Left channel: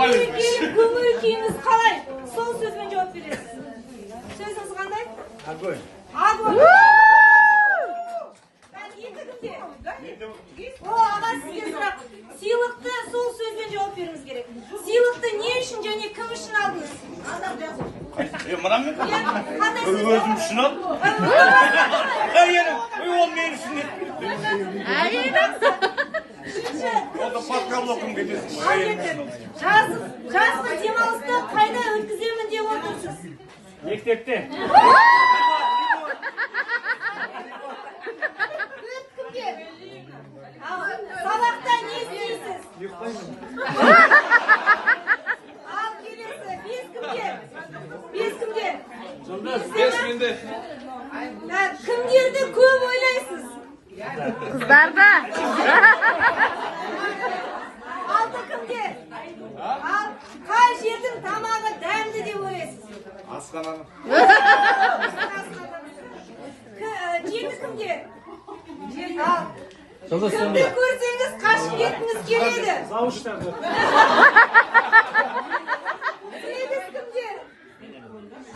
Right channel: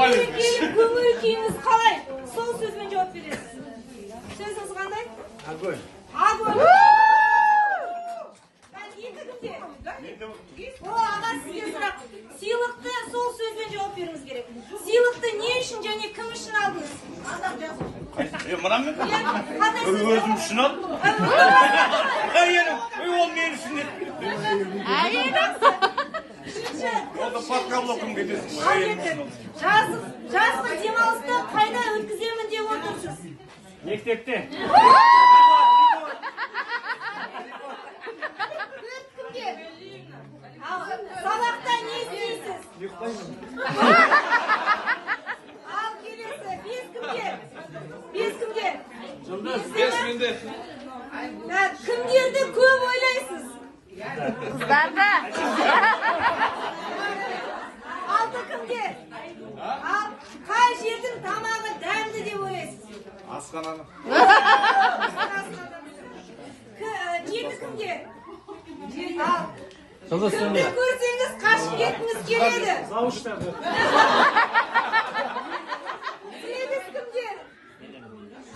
Көңіл күйіңіз қалай? Сол сөзбен жауап бересіз. Сөзіңіз қандай? Огонь. Огонь. Аға сізге сұрақ. Сыйлықты сол сөзбен жауап беруіңіз керек. Сыйлықты не үшін және кім үшін алдыңыз? Мынам мен? Өзім үшін алдым. Ол мен үшін деп. Ол да подковлокым кетесің. Жазғы демалысты қайда өткіземін деп отырсыз? Мектепте. Сабақта не істейсіз? Ал келесі, бес кімге? Бес менде. Кімдерді көп ойлайсыз? Қыздарда. Алты кімге? Ал қай жердің тамағы дәмді деп ойлайсыз? Асқананы. Жеті кімге? Ал кімді көрсеңіз қашып кеткіңіз келеді? Сегіз кімге?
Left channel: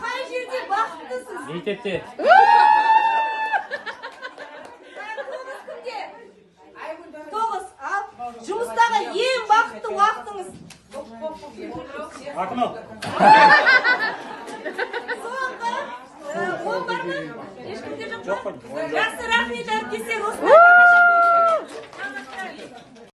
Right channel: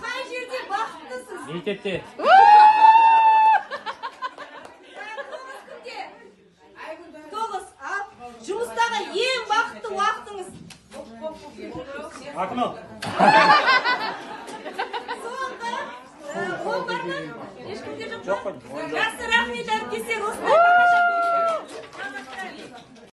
Қай жерде бақыттысыз? Мектепте. Тоғыз. Ал жұмыстағы ең бақытты уақытыңыз? Ақмал. Соңғы ол бар ма? Ешкімде жоқ па? Жақсы, рахмет әріптестер.